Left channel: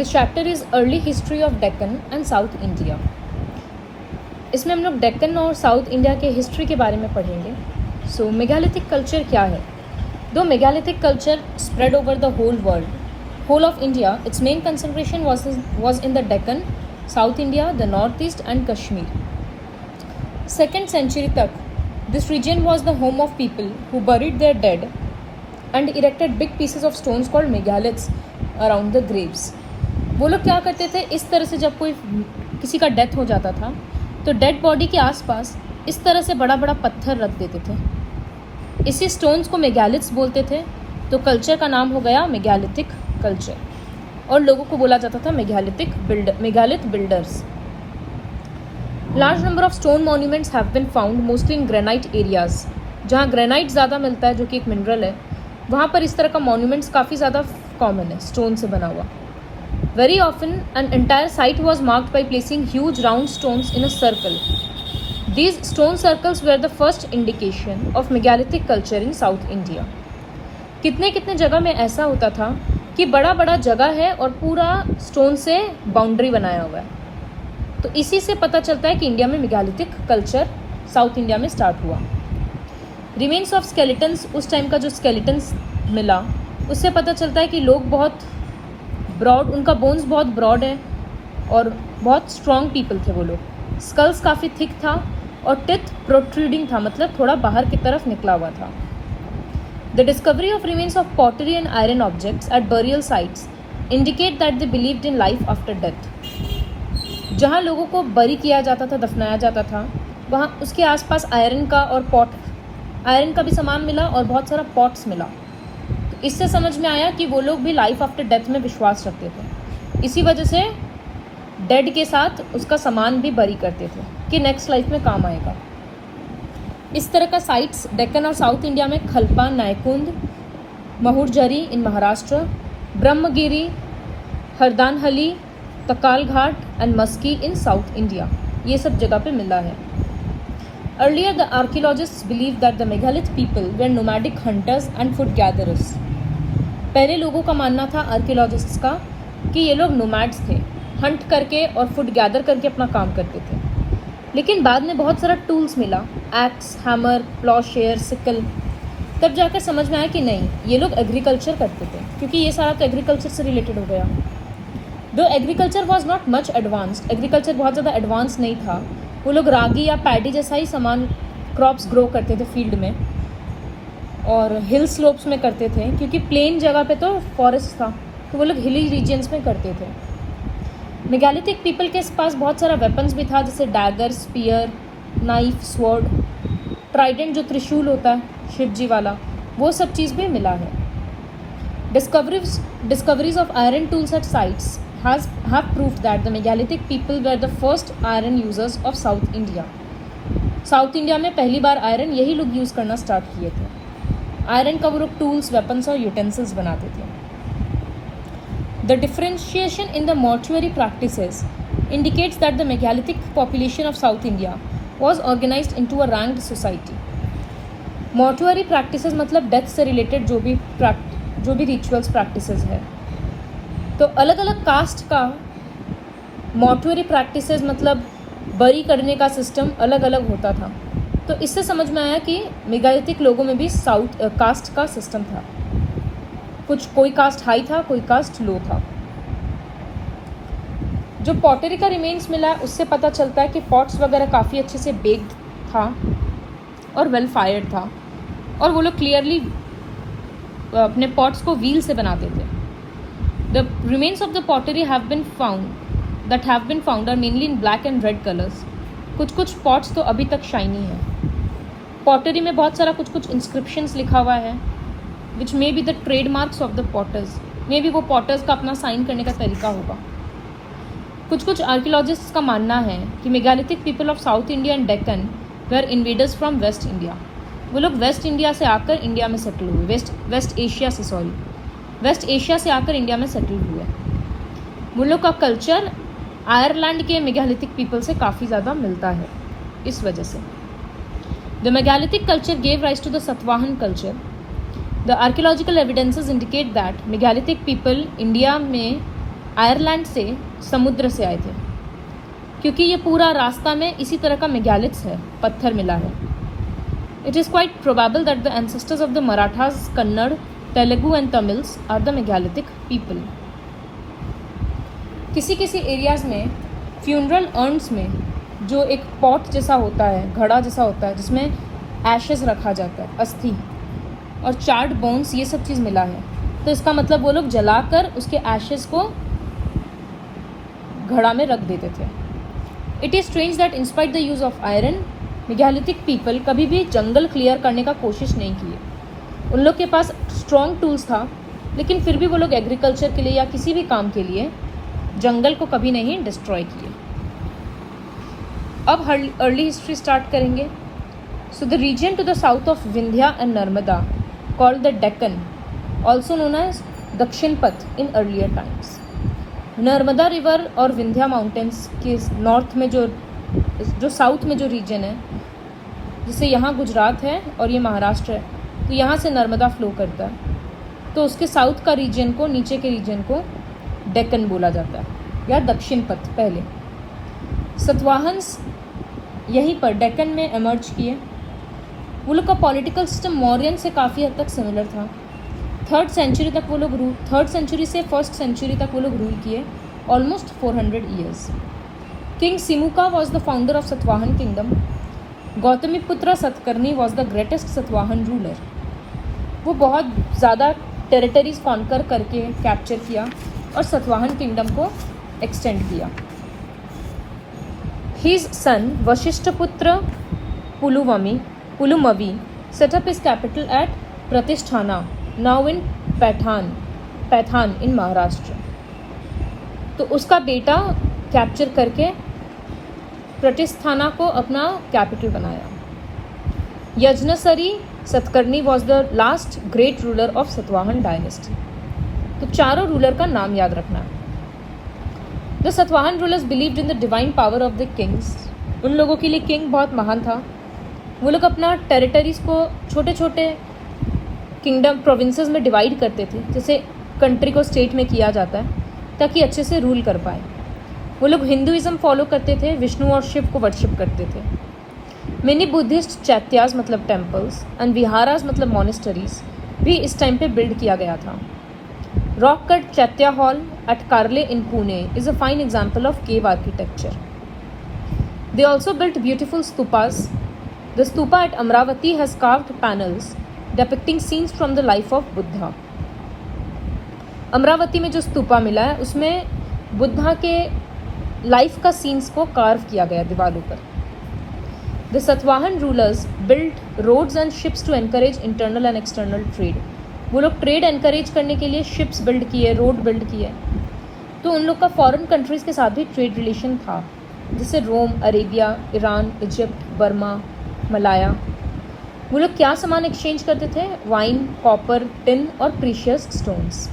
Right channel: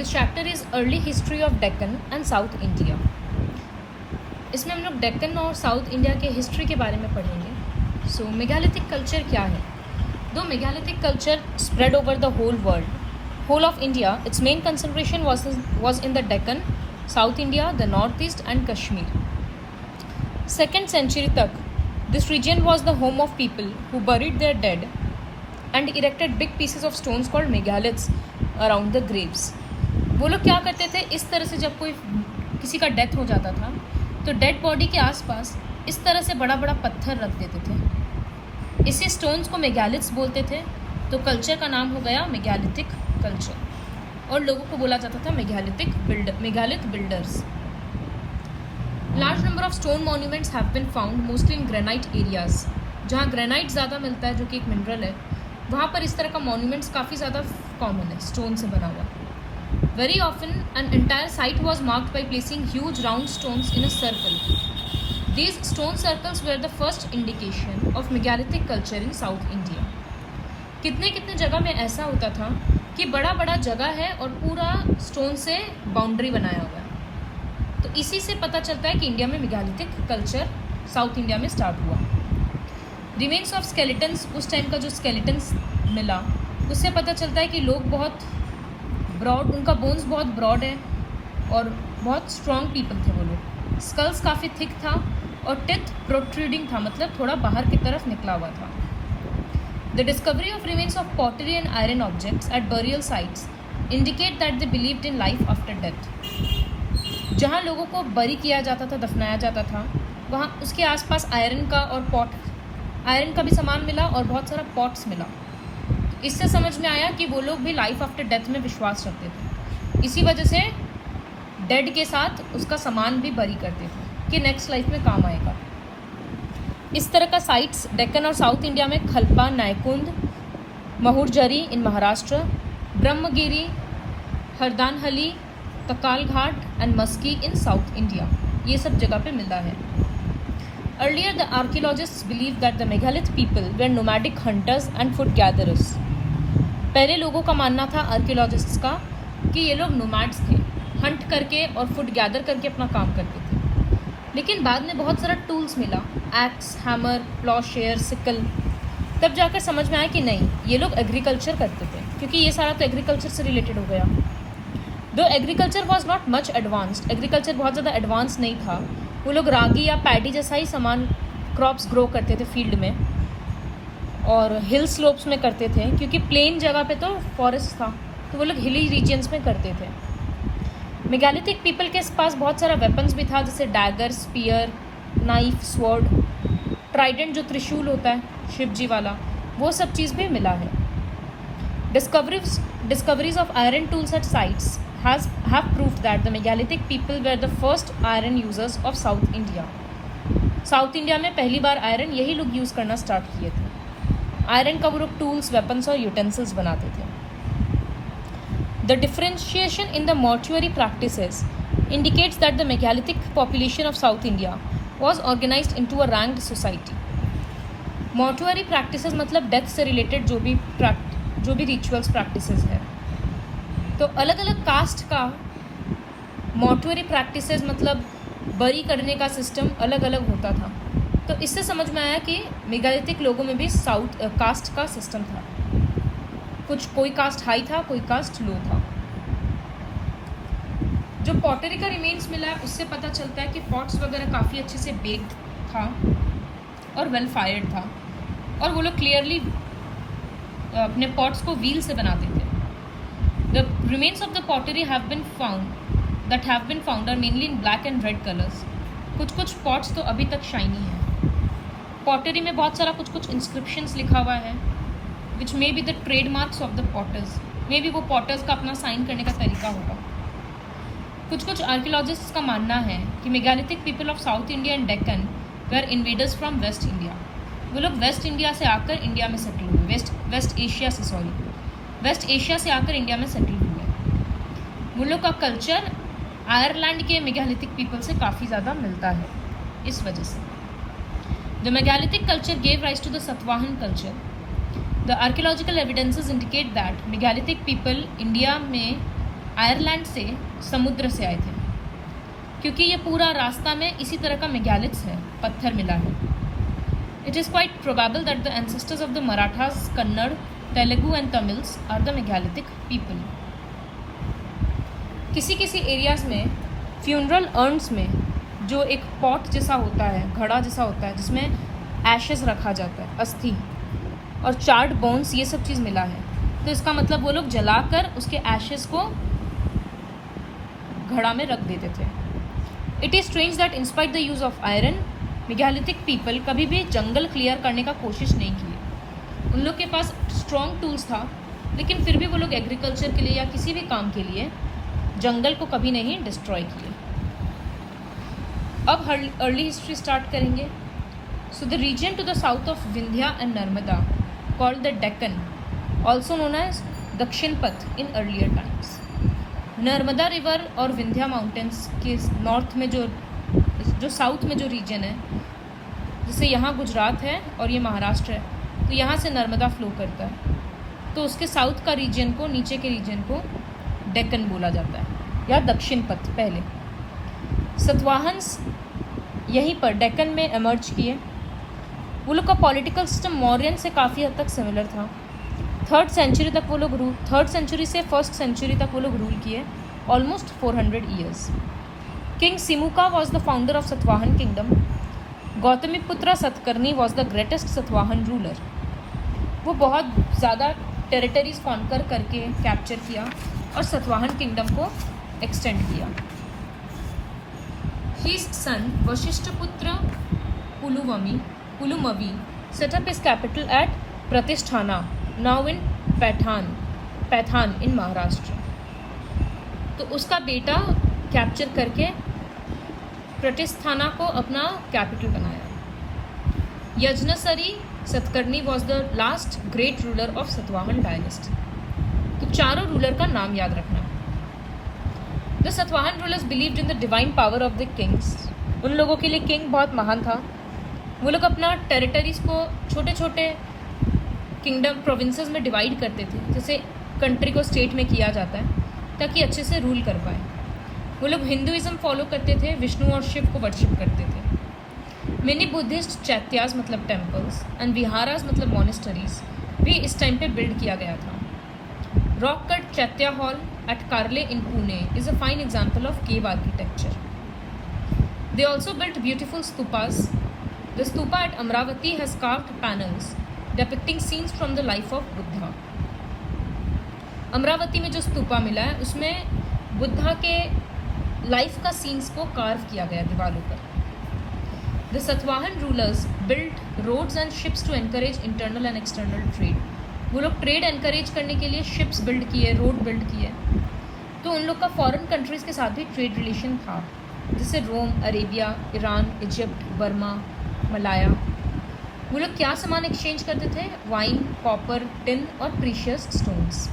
This chapter is early history of Deccan and south India. इसमें हम लोग डेक्कन और साउथ इंडिया के हिस्ट्री के बारे में पढ़ेंगे। सो मेगालिथिक कल्चर क्या है? दो megalithic culture spread over the whole of India, its main concentration was in the Deccan, South India, the Northeast and Kashmir. 2nd century तक this region was the home of people who buried their dead and erected big pieces of stones called megaliths around the graves. वो लोग क्या करते थे, इस तरह से जब कोई किसी का डेथ हो जाता था तो डेड बॉडी के आसपास इस तरह से बड़ा बड़ा पत्थर रख देते थे। इसी स्टोन्स को मेगालिथ्स बोलते थे। तो कल्चर का नाम हो गया मेगालिथिक कल्चर और लोगों को बोला जाता था megalith builders. Large number of stone monuments have been found mostly in granite areas. जहाँ ग्रेनाइट ज़्यादा मिलता है, जो कि एक मिनरल है, वहाँ पर इस तरह का मॉन्यूमेंट्स काफ़ी ज़्यादा कॉमन है, स्टोन से बना हुआ। Very often, an entire site was marked by placing huge round stones in a circle. These stone circles were the first indication of megalithic culture in South India. कितने कितने जगह में ऐसा होता था कि बड़ा बड़ा जगह है और पूरा स्टोन से बाउंड्री बनाया हुआ है। तो इसी से पता चलता है कि इंडिया में मेगालिथिक कल्चर साउथ इंडिया में स्टार्ट हुआ। रिमेन्स ऑफ स्केलेटन्स, उस टाइम का जो स्केलेटन्स मिला उससे पता चलता है कि लोग बहुत ब्रॉड, उनका बोन्स बहुत ब्रॉड है और बहुत स्ट्रॉन्ग पीपल थे वो लोग। स्कल्स काफ़ी थिक था और टिथ प्रोट्रूडिंग था, मतलब थोड़ा बाहर की तरफ निकला हुआ था। The discovery of remains of pottery and iron objects at burial sites indicate that they believed in life after death. जहाँ लोगों को बरी किया जाता था, दफनाया जाता था, वहाँ उसके आसपास आयरन का और आयरन का भी सामान मिला और बहुत सारा पॉट्स मिला। इससे समझ में आया कि वो लोग भी लाइफ आफ्टर डेथ में विश्वास रखते थे। इसी वजह से डेड के साथ उसका सामान भी बरी करते थे कि नेक्स्ट लाइफ में काम आएगा। इस तरह का साइट्स डेक्कन और साउथ इंडिया में Khalpa, Naikund, Mahurjhari in Maharashtra, Brahmagiri, Hardanahalli, Takalghat and Maski in south India, ये सब जगह पे मिला है। Earlier, the archaeologists believed that the megalith people were nomadic hunters and food gatherers. पहले लोगों का मानना था, आर्कियोलॉजिस्ट्स का, कि ये लोग नोमैड्स थे, हंट करके और फूड गैदर करके अपना काम करते थे। लेकिन बाद में बहुत सारा टूल्स मिला, एक्स, हैमर, प्लॉशेयर, सिकल। तब जाकर समझ में आया कि नहीं, ये लोग एग्रीकल्चर करते थे, क्योंकि ये सारा तो एग्रीकल्चर से रिलेटेड हो गया। दो agriculture was not much advanced, agriculture बहुत ज़्यादा एडवांस नहीं था। वो लोग रागी या पैडी जैसा ही सामान, क्रॉप्स ग्रो करते थे फील्ड में और हिल स्लोप्स में करते थे, क्योंकि प्लेन जगह पे तो फॉरेस्ट था, तो वो लोग हिली रीजन्स में करते थे। मेगालिथिक पीपल के पास बहुत सारा वेपन्स भी था, जैसे dagger, spear, knife, sword, trident जो त्रिशूल होता है शिव जी वाला, वो सब चीज़ भी मिला है। Discoveries of iron tools at sites have proved that the megalithic people were the first iron users of South India. South India में पहली बार आयरन यही लोग यूज़ करना स्टार्ट किए थे। आयरन का वो लोग टूल्स, वेपन्स और यूटेंसिल्स बनाते थे। The differentiation in the mortuary practices indicates that the megalithic population of South India was organised into a ranked society. Mortuary practices मतलब डेथ से रिलेटेड जो भी रिचुअल्स प्रैक्टिसेस है, तो अलग अलग कास्ट का मॉर्चुअरी प्रैक्टिसेस मतलब बरी करने का सिस्टम अलग अलग होता था। तो इससे समझ में आया कि मेगालिथिक लोगों में भी कास्ट का सिस्टम था। कोई कास्ट हाई था, कोई कास्ट लो था। जो पॉटरी का रिमेन्स मिला उससे पता चलता है कि पॉट्स वगैरह काफ़ी अच्छे से बेक्ड था और वेल फायर्ड था, और वो लोग क्लियरली अपने पॉट्स को व्हील से बनाते थे। The remains of the pottery have been found are mainly in black and red colors. कुछ पॉट्स तो अभी तक शाइनी है। पॉटरी में बहुत सारा कुछ इंस्क्रिप्शंस लिखा हुआ है, which may be the trademarks of the potters, may be वो पॉटर्स का अपना साइन करने का तरीका होगा। कुछ आर्कियोलॉजिस्ट्स का मानना है कि megalithic people of South India and Deccan were invaders from West India. वो लोग वेस्ट इंडिया से आकर इंडिया में सेटल हुए, वेस्ट एशिया से आकर इंडिया में सेटल हुए। वो लोग का कल्चर आयरलैंड के मेगालिथिक पीपल से काफ़ी ज़्यादा मिलता है। इस वजह से the megalithic culture gave rise to the Satavahana culture. The archaeological evidences indicate that megalithic people India में आयरलैंड से, समुद्र से आए थे, क्योंकि ये पूरा रास्ता में इसी तरह का मेगालिथ्स है, पत्थर मिला है। It is quite probable that the ancestors of the Marathas, Kannada, Telugu and Tamils are the megalithic people. किसी किसी एरियाज़ में फ्यूनरल अर्न्स में जो एक पॉट जैसा होता है, घड़ा जैसा होता है, जिसमें एशेस रखा जाता है, अस्थि और चार्ड बोन्स, ये सब चीज़ मिला है। तो इसका मतलब वो लोग जलाकर उसके एशेस को घड़ा में रख देते थे। It is strange that in spite the use of iron, megalithic people कभी भी जंगल क्लियर करने का कोशिश नहीं किए। उन लोग के पास स्ट्रॉन्ग टूल्स था, लेकिन फिर भी वो लोग एग्रीकल्चर के लिए या किसी भी काम के लिए जंगल को कभी नहीं डिस्ट्रॉय किए। अब अर्ली हिस्ट्री स्टार्ट करेंगे। So the region to the south of Vindhya and Narmada, called the Deccan, also known as Dakshin Path in earlier times. Narmada river और विंध्या माउंटेन्स के नॉर्थ में जो साउथ में जो रीजन है, जैसे यहाँ गुजरात है और ये महाराष्ट्र है, तो यहाँ से नर्मदा फ्लो करता है, तो उसके साउथ का रीजन को, नीचे के रीजन को डेक्कन बोला जाता है या दक्षिण पथ। पहले सतवाहन्स यहीं पर डेक्कन में एमर्ज किए। वो लोग का पॉलिटिकल सिस्टम मौर्यन से काफ़ी हद तक सिमिलर था। 3rd सेंचुरी तक वो लोग 3rd सेंचुरी से 1st सेंचुरी तक वो लोग रूल किए, almost 400 years. King Simuka was the founder of Satavahana kingdom. Gautamiputra Satakarni was the greatest Satavahana ruler. वो बहुत ज़्यादा टेरिटरीज कॉन्कर करके कैप्चर किया और सतवाहन किंगडम को एक्सटेंड किया। His son Vashishthiputra Pulumavi set up his capital at Pratishthana, now in Paithan in Maharashtra. तो उसका बेटा कैप्चर करके प्रतिष्ठाना को अपना कैपिटल बनाया। Yajnashri Satakarni was the last great ruler of Satavahana dynasty. तो चारों रूलर का नाम याद रखना। The Satavahana rulers believed in the divine power of the kings. उन लोगों के लिए किंग बहुत महान था। वो लोग अपना टेरिटरीज को छोटे छोटे किंगडम प्रोविंसेस में डिवाइड करते थे, जैसे कंट्री को स्टेट में किया जाता है, ताकि अच्छे से रूल कर पाए। वो लोग हिंदुइज्म फॉलो करते थे, विष्णु और शिव को वर्शिप करते थे। मेनी बुद्धिस्ट चैत्याज मतलब टेम्पल्स एंड विहाराज मतलब मोनेस्टरीज भी इस टाइम पे बिल्ड किया गया था। Rock cut chaitya hall at Karle in Pune is a fine example of cave architecture. They also built beautiful stupas. The stupa at Amaravati has carved panels depicting scenes from the life of Buddha. Amaravati में जो स्तूपा मिला है उसमें बुद्धा के लाइफ का सीन्स को कार्व किया गया दीवारों पर। The Satavahana rulers build roads and ships to encourage internal and external trade. वो लोग ट्रेड एनकरेज करने के लिए शिप्स बिल्ड किए, रोड बिल्ड किए। तो उन लोग का फॉरेन कंट्रीज़ के साथ भी ट्रेड रिलेशन था, जैसे Rome, Arabia, Iran, Egypt, Burma, Malaya. वो लोग क्या सामान एक्सचेंज करते थे? वाइन, कॉपर, टिन और प्रीशियस स्टोन्स।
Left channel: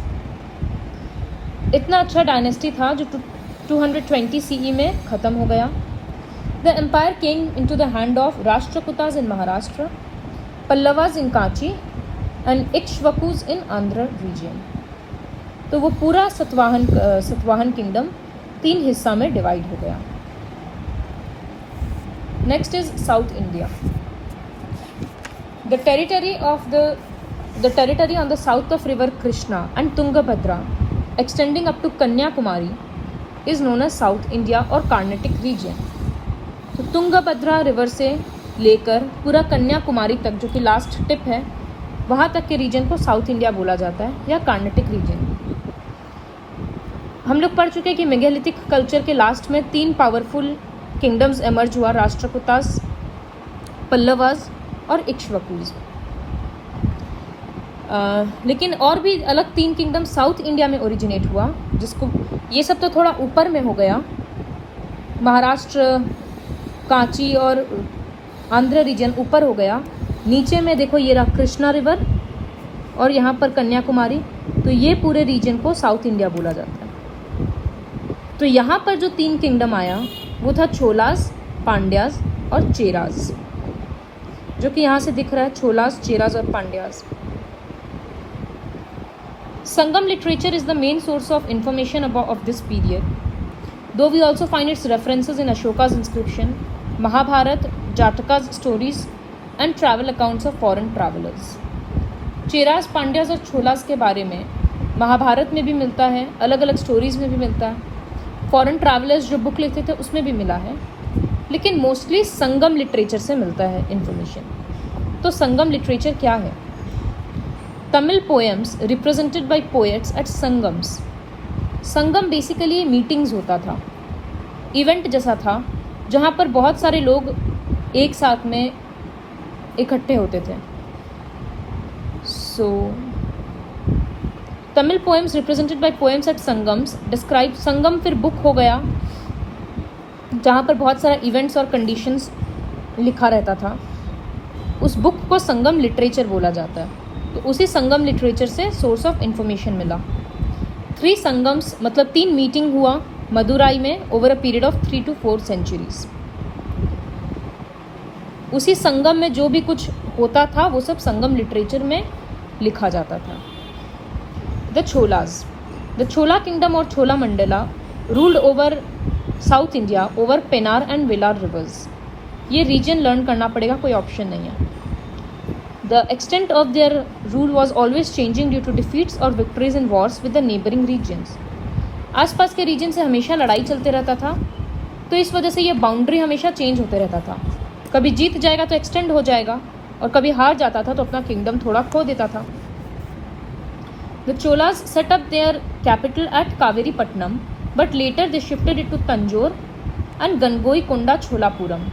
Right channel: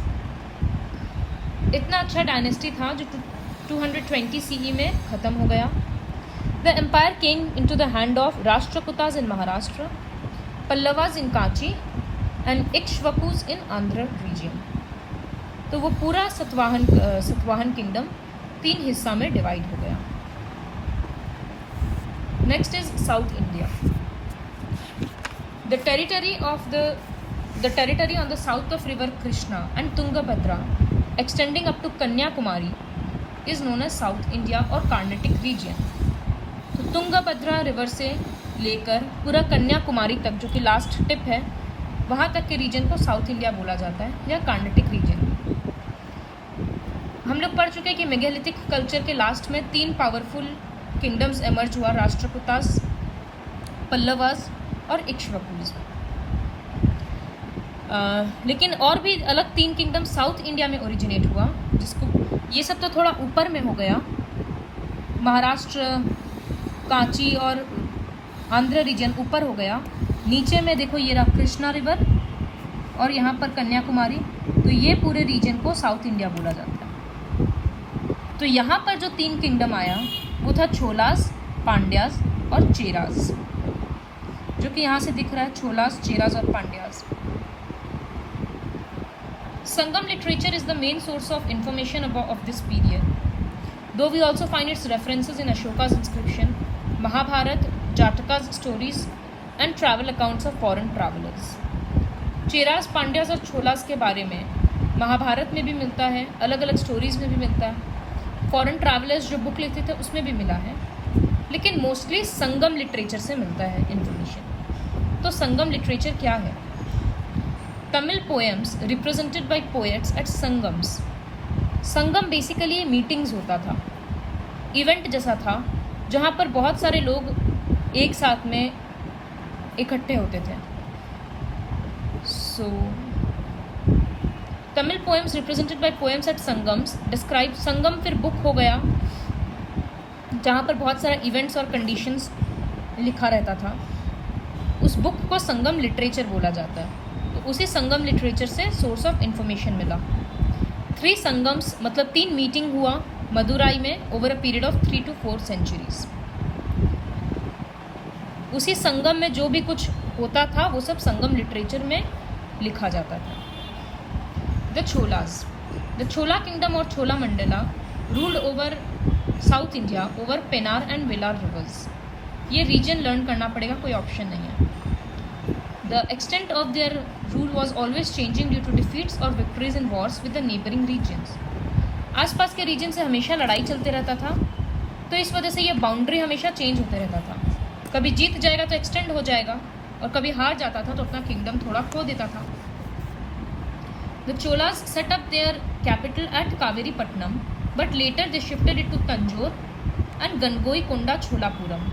इतना अच्छा डायनेस्टी था जो 220 CE में ख़त्म हो गया। The empire came into the hand of Rashtrakutas in Maharashtra, Pallavas in Kanchi and Ikshvakus in Andhra region. तो वो पूरा सतवाहन किंगडम 3 हिस्सा में डिवाइड हो गया। Next is south India. The territory on the south of river Krishna and Tungabhadra, extending up to Kanyakumari, is known as South India or Carnatic region. तो Tungabhadra river से लेकर पूरा कन्याकुमारी तक, जो कि लास्ट टिप है, वहाँ तक के रीजन को साउथ इंडिया बोला जाता है या कार्नेटिक रीजन। हम लोग पढ़ चुके हैं कि मेगालिथिक कल्चर के लास्ट में 3 पावरफुल किंगडम्स एमर्ज हुआ, राष्ट्रकूतास, पल्लवास और इक्ष्वाकुज। लेकिन और भी अलग 3 किंगडम साउथ इंडिया में ओरिजिनेट हुआ, जिसको ये सब तो थोड़ा ऊपर में हो गया। महाराष्ट्र, कांची और आंध्र रीजन ऊपर हो गया। नीचे में देखो ये रहा कृष्णा रिवर और यहाँ पर कन्याकुमारी। तो ये पूरे रीजन को साउथ इंडिया बोला जाता है। तो यहाँ पर जो 3 किंगडम आया वो था छोलास, पांड्यास और चेरास, जो कि यहाँ से दिख रहा है, छोलास, चेरास और Pandyas. Sangam literature is the main source of information of this period, though we also find its references in Ashoka's inscription, Mahabharata, Jataka's stories and travel accounts of foreign travelers. Cheras, Pandyas और छोलास के बारे में महाभारत में भी मिलता है, अलग अलग स्टोरीज़ में भी मिलता है, फॉरेन ट्रैवलर्स जो बुक लिखते थे उसमें भी मिला है, लेकिन मोस्टली संगम लिटरेचर से मिलता है इन्फॉर्मेशन। तो संगम लिटरेचर क्या है? Tamil poems represented by poets at Sangams. Sangam basically meetings होता था, इवेंट जैसा था जहाँ पर बहुत सारे लोग एक साथ में इकट्ठे होते थे। So Tamil poems represented by poems at Sangams describe, Sangam फिर बुक हो गया जहाँ पर बहुत सारा इवेंट्स और कंडीशंस लिखा रहता था। उस बुक को संगम लिटरेचर बोला जाता है। तो उसी संगम लिटरेचर से सोर्स ऑफ इंफॉर्मेशन मिला। 3 संगम्स मतलब 3 मीटिंग हुआ मदुराई में over a period of 3 to 4 centuries। उसी संगम में जो भी कुछ होता था वो सब संगम लिटरेचर में लिखा जाता था। द छोलाज, द छोला किंगडम और छोला Mandla ruled over south India over Penner and Vellar reverse. ये रीजन लर्न करना पड़ेगा, कोई ऑप्शन नहीं है। The extent of their rule was always changing due to defeats or victories in wars with the neighboring regions। आसपास के reason से हमेशा लड़ाई चलते रहता था, तो इस वजह से ये बाउंड्री हमेशा चेंज होते रहता था। कभी जीत जाएगा तो एक्सटेंड हो जाएगा, और कभी हार जाता था तो अपना किंगडम थोड़ा खो देता था। The Cholas set up their capital at Kaveripatnam, but later they shifted it to Tanjore and Gangoikonda Cholapuram।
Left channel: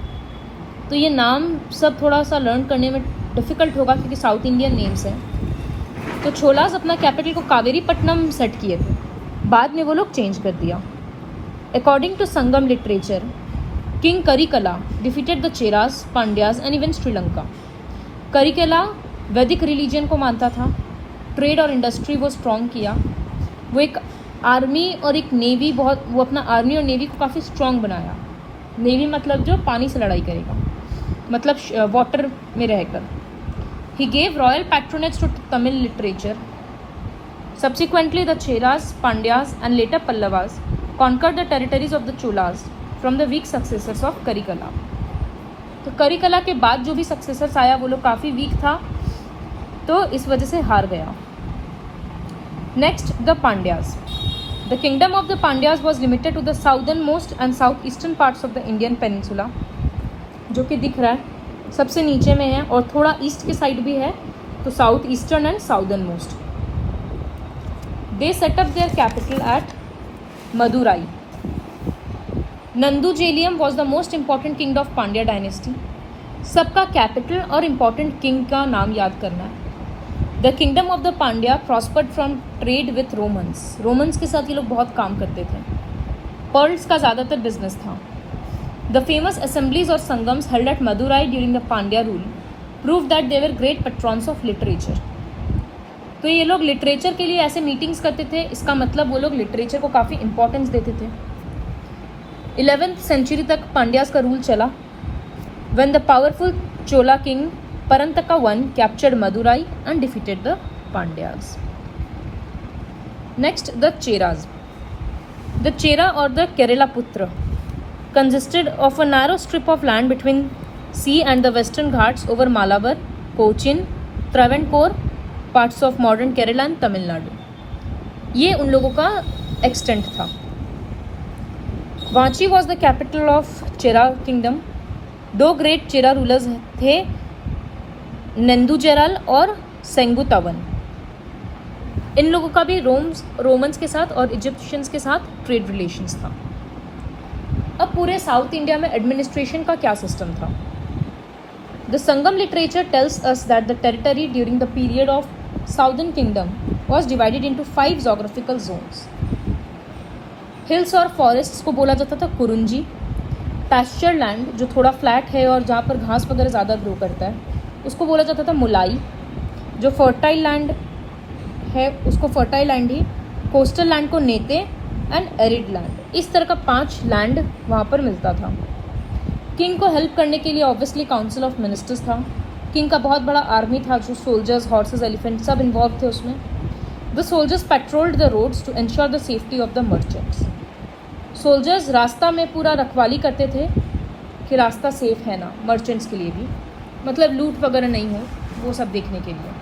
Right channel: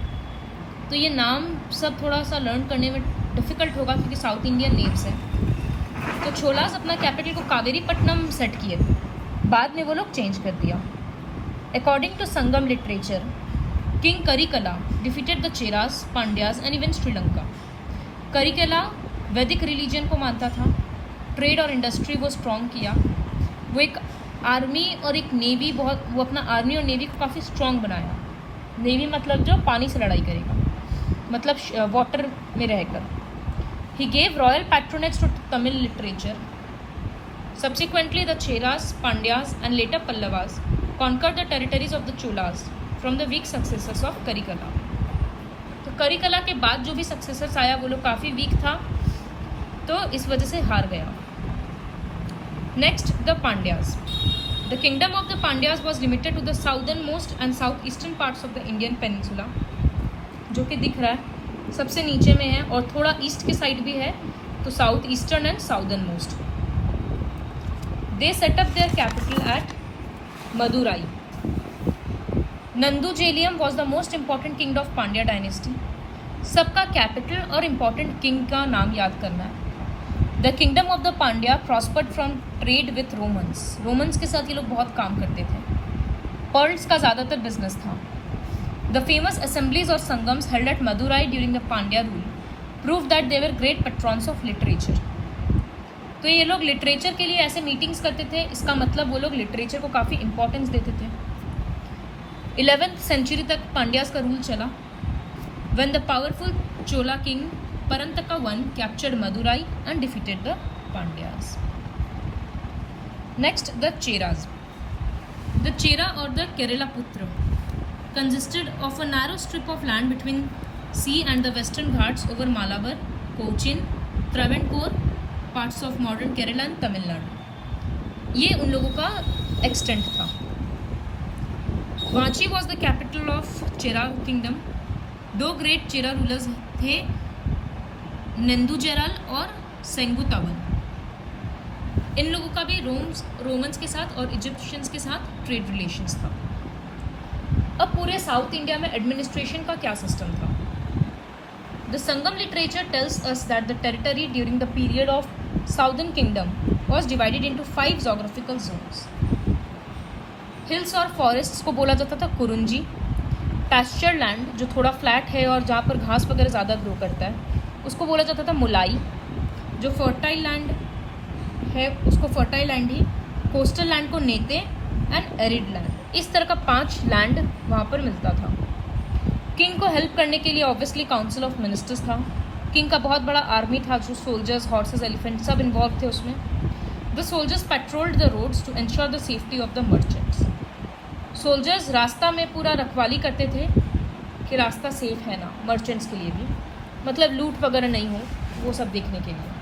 तो ये नाम सब थोड़ा सा लर्न करने में डिफ़िकल्ट होगा क्योंकि साउथ इंडियन नेम्स हैं। तो छोलास अपना कैपिटल को कावेरीपट्टनम सेट किए थे, बाद में वो लोग चेंज कर दिया। According to Sangam literature, king Karikala defeated the Cheras, Pandyas and even Sri Lanka. Karikala Vedic religion को मानता था, ट्रेड और इंडस्ट्री वो स्ट्रॉन्ग किया। वो एक आर्मी और एक नेवी वो अपना आर्मी और नेवी को काफ़ी स्ट्रॉन्ग बनाया। नेवी मतलब जो पानी से लड़ाई करेगा, मतलब वाटर में रहकर। He gave royal patronage to Tamil literature. Subsequently, the Cheras, Pandyas and later Pallavas conquered the territories of the Cholas from the weak successors of Karikala। तो करिकला के बाद जो भी सक्सेसर्स आया वो लोग काफ़ी वीक था, तो इस वजह से हार गया। Next, the Pandyas. The kingdom of the Pandyas was limited to the southern most and south eastern parts of the Indian peninsula, जो कि दिख रहा है सबसे नीचे में है, और थोड़ा ईस्ट के साइड भी है, तो south eastern and southern most. They set up their capital at Madurai. Nedunjeliyan was the most important king of Pandya dynasty. सबका कैपिटल और इम्पॉर्टेंट किंग का नाम याद करना है। The kingdom of the Pandya prospered from trade with Romans. Romans के साथ ये लोग बहुत काम करते थे। पर्ल्स का ज़्यादातर बिजनेस था। The famous assemblies or sangams held at Madurai during the Pandya rule proved that they were great patrons of literature। तो ये लोग लिटरेचर के लिए ऐसे मीटिंग्स करते थे, इसका मतलब वो लोग लिटरेचर को काफ़ी इंपॉर्टेंस देते थे। 11th सेंचुरी तक पांड्यास का रूल चला। When the powerful Chola king Parantaka I captured Madurai and defeated the Pandyas। Next, the Cheras। The Chera or the Kerala Putra consisted of a narrow strip of land between sea and the western Ghats over Malabar, Cochin, Travancore, parts of modern Kerala and Tamil Nadu। ये उन लोगों का extent था। Vanchi was the capital of Chera kingdom. 2 great Chera rulers थे, नंदुजेरल और सेंगुतावन। इन लोगों का भी रोमन्स के साथ और इजिप्शियंस के साथ ट्रेड रिलेशंस था। अब पूरे साउथ इंडिया में एडमिनिस्ट्रेशन का क्या सिस्टम था? The Sangam literature tells us that the territory during the period of southern kingdom was divided into 5 geographical zones. Hills और फॉरेस्ट्स को बोला जाता था कुरुंजी। पैस्चर लैंड जो थोड़ा फ्लैट है और जहाँ पर घास वगैरह ज़्यादा ग्रो करता है उसको बोला जाता था मुलाई। जो फर्टाइल लैंड है उसको फर्टाइल लैंड ही, कोस्टल लैंड को नेते एंड एरिड लैंड। इस तरह का 5 लैंड वहाँ पर मिलता था। किंग को हेल्प करने के लिए ऑब्वियसली काउंसिल ऑफ मिनिस्टर्स था। किंग का बहुत बड़ा आर्मी था, जो सोल्जर्स, हॉर्सेस, एलिफेंट सब इन्वॉल्व थे उसमें। The soldiers patrolled the roads to ensure the safety of the merchants. Soldiers रास्ता में पूरा रखवाली करते थे कि रास्ता सेफ है ना, मर्चेंट्स के लिए भी, मतलब लूट वगैरह नहीं हो, वो सब देखने के लिए।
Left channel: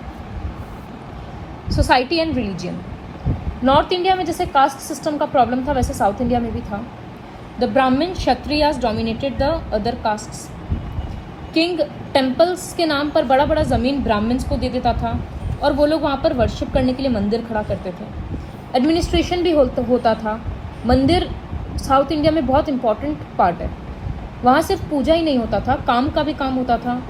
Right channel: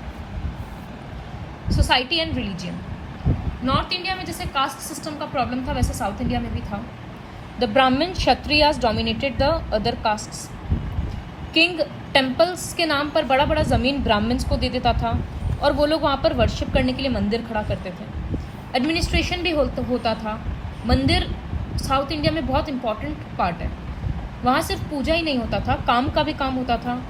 Society and religion. North India में जैसे कास्ट सिस्टम का प्रॉब्लम था, वैसे साउथ इंडिया में भी था। द ब्राह्मण Kshatriyas dominated the other castes. King temples के नाम पर बड़ा बड़ा ज़मीन ब्राह्मण्स को दे देता था और वो लोग वहाँ पर वर्शिप करने के लिए मंदिर खड़ा करते थे। एडमिनिस्ट्रेशन भी होता था। मंदिर साउथ इंडिया में बहुत इंपॉर्टेंट पार्ट है। वहाँ सिर्फ पूजा ही नहीं होता था, काम का भी काम होता था।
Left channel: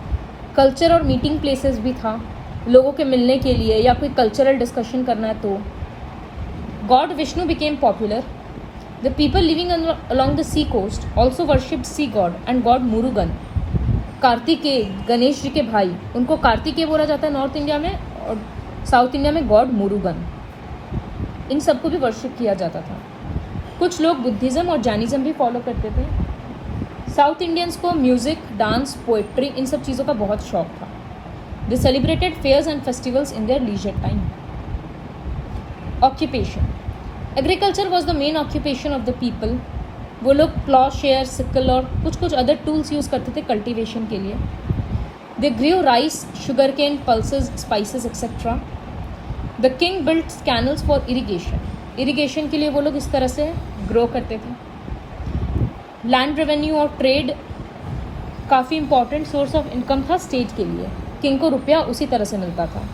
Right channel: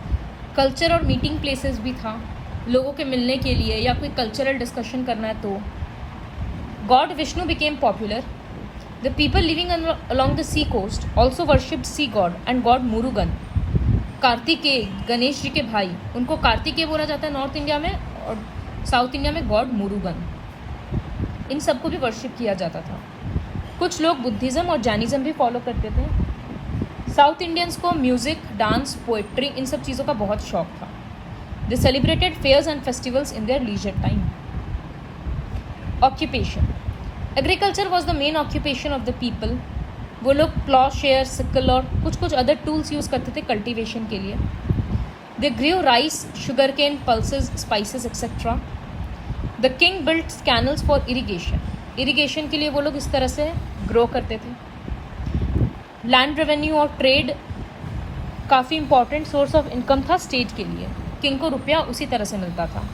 कल्चर और मीटिंग प्लेसेस भी था लोगों के मिलने के लिए, या कोई कल्चरल डिस्कशन करना है तो। God Vishnu became popular. The people living along the sea coast also worshipped sea god and god Murugan. Kartikeya, Ganesh ji के भाई, उनको कार्तिकेय बोला जाता है नॉर्थ इंडिया में, और साउथ इंडिया में गॉड मुरुगन। इन सबको भी वर्शिप किया जाता था। कुछ लोग बुद्धिज़्म और जैनिज़्म भी फॉलो करते थे। साउथ इंडियंस को म्यूज़िक, डांस, पोएट्री, इन सब चीज़ों का बहुत शौक था। They celebrated fairs and festivals in their leisure time. Occupation. Agriculture was the main occupation of the people. वो लोग प्लॉ शेयर, सिकल और कुछ कुछ अदर टूल्स यूज़ करते थे कल्टीवेशन के लिए। They grew rice, sugar cane, pulses, spices etcetera. The king built canals for irrigation. Irrigation के लिए वो लोग इस तरह से ग्रो करते थे। लैंड रेवेन्यू और ट्रेड काफ़ी इंपॉर्टेंट सोर्स ऑफ इनकम था स्टेट के लिए। किंग को रुपया उसी तरह से मिलता था।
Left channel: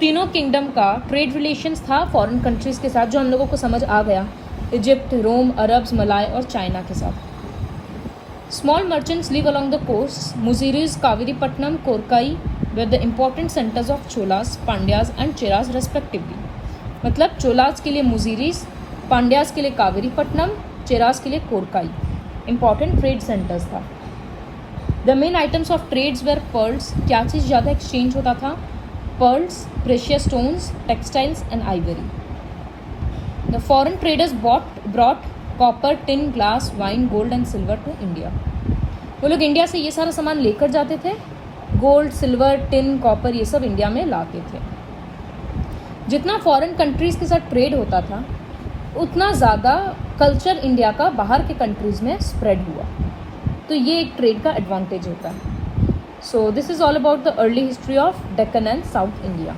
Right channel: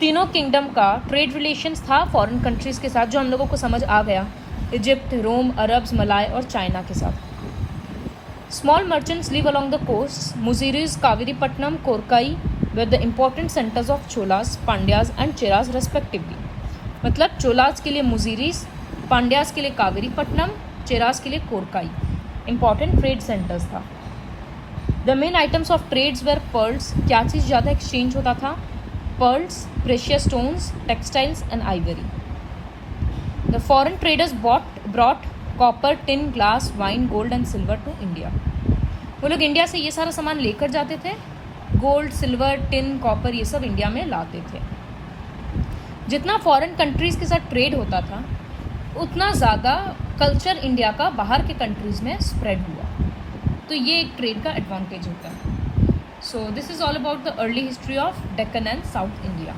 तीनों किंगडम का ट्रेड रिलेशंस था फॉरेन कंट्रीज़ के साथ, जो हम लोगों को समझ आ गया। इजिप्ट, रोम, अरब्स, मलाय और चाइना के साथ। Small merchants live along the coast. Muziris, Kaveripattinam, Korkai were the important centres of Cholas, Pandyas and Cheras respectively. मतलब चोलास के लिए मुजीरीज, पांड्याज के लिए कावेरीपट्टनम, चेराज के लिए कोरकाई इंपॉर्टेंट ट्रेड सेंटर्स था। The main items of trades were pearls. क्या चीज़ ज़्यादा एक्सचेंज होता था? Pearls, precious stones, textiles and ivory. The foreign traders brought copper, tin, glass, wine, gold and silver to India. वो लोग इंडिया से ये सारा सामान लेकर जाते थे। गोल्ड, सिल्वर, टिन, कॉपर, ये सब इंडिया में लाते थे। जितना फॉरेन कंट्रीज़ के साथ ट्रेड होता था, उतना ज़्यादा कल्चर इंडिया का बाहर के कंट्रीज़ में स्प्रेड हुआ। तो ये एक ट्रेड का एडवांटेज होता है। So this is all about the early history of Deccan and south India.